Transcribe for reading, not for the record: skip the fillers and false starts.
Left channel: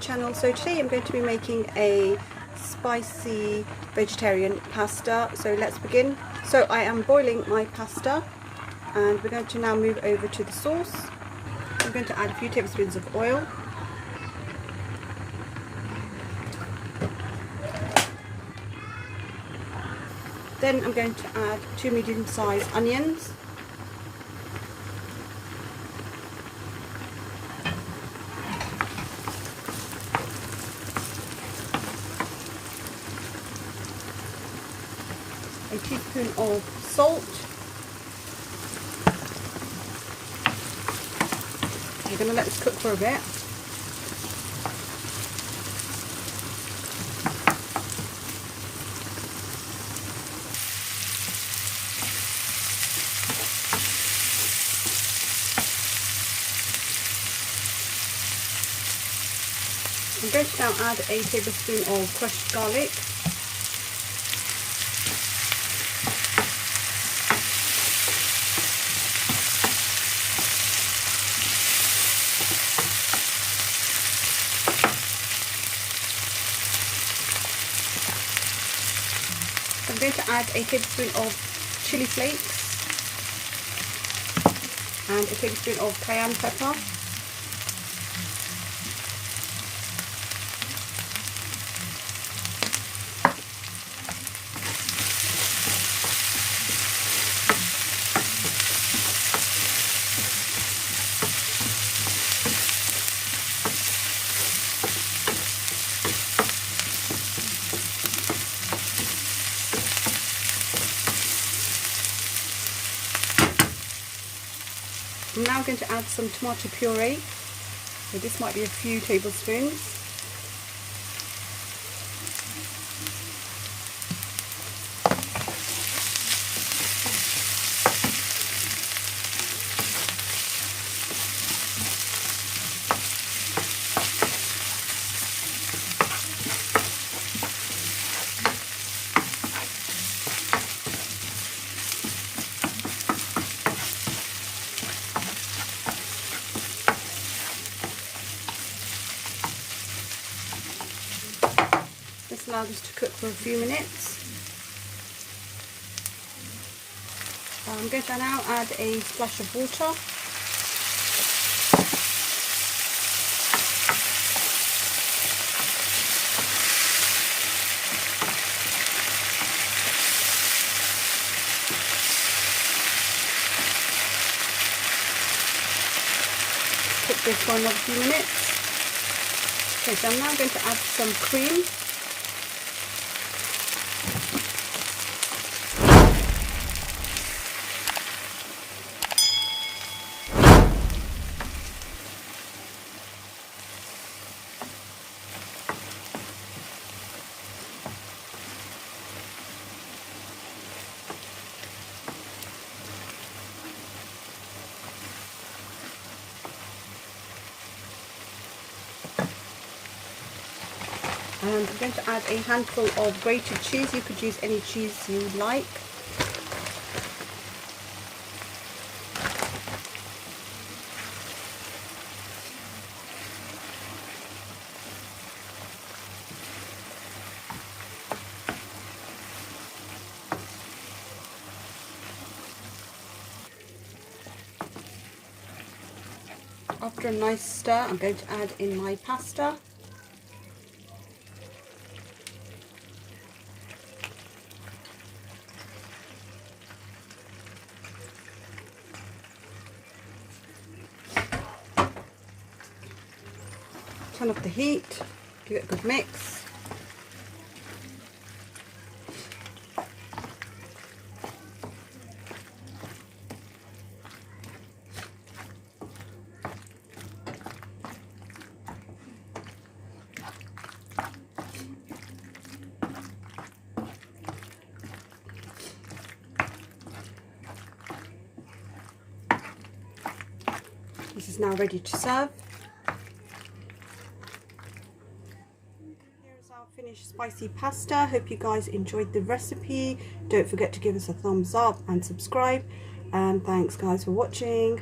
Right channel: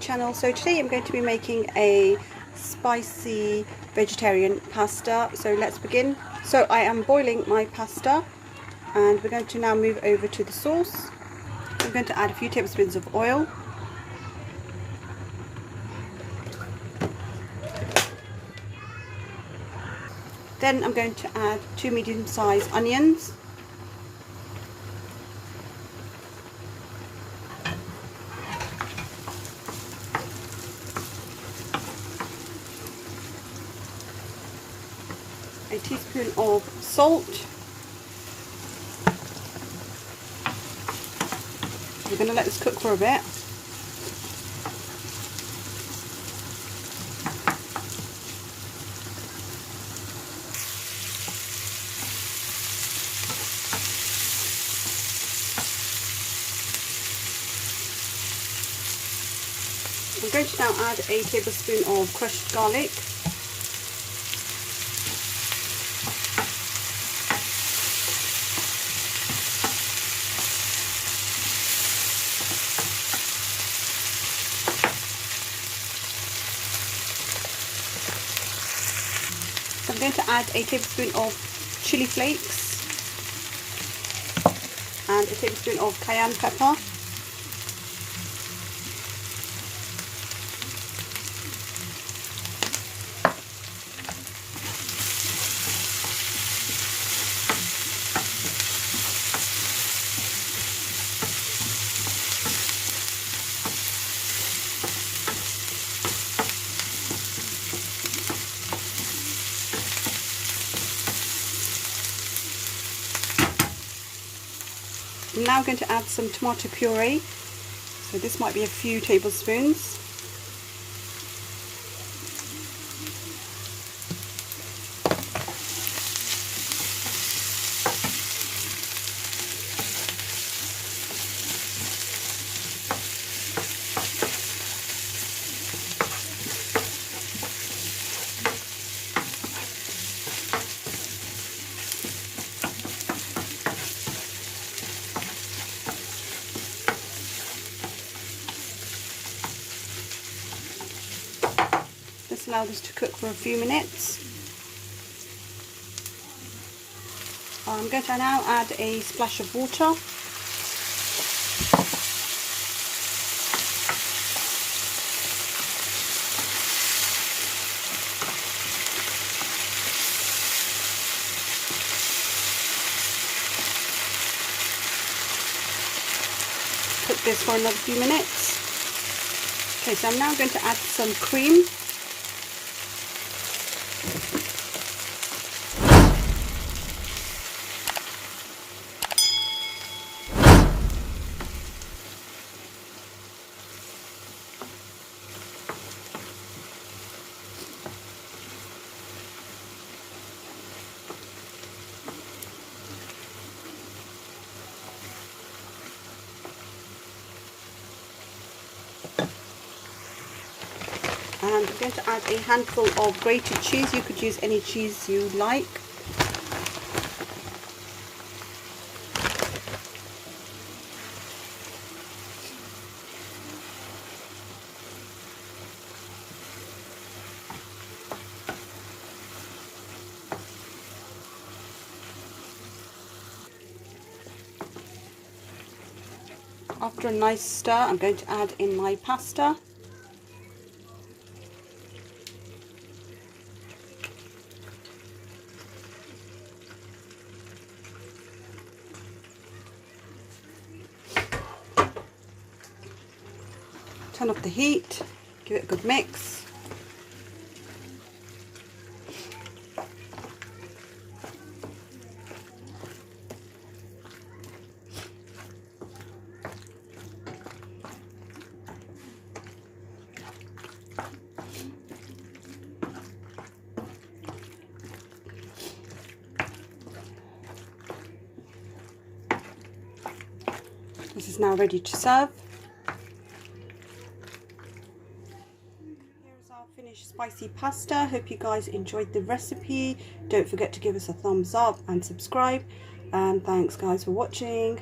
Channel. So today I'm going to be making a spicy vegetarian pasta. So let's begin. So I am boiling my pasta and we're going to now move over to the sauce. I'm going to add a few tablespoons of oil. Then I'm going to add 2 medium-sized onions. A teaspoon of salt. We're going to let this cook for a bit. I'm going to now add a tablespoon of crushed garlic. I'm going to add a tablespoon of chilli flakes and a tablespoon of cayenne pepper. I'm now going to add some tomato puree, so this might be a few tablespoons. Allow this to cook for a few minutes. I'm going to now add a splash of water. Cook this for another few minutes. Okay, so I'm now going to add some cream. And I'm going to add a handful of grated cheese. You could use any cheese you like. After a nice stir, I'm going to add in my pasta. Turn off the heat, give it a good mix. This is now ready to serve. Here's our finished spicy pasta. Hope you guys enjoyed the recipe. Don't forget to give us a thumbs up and subscribe. And thanks guys for watching.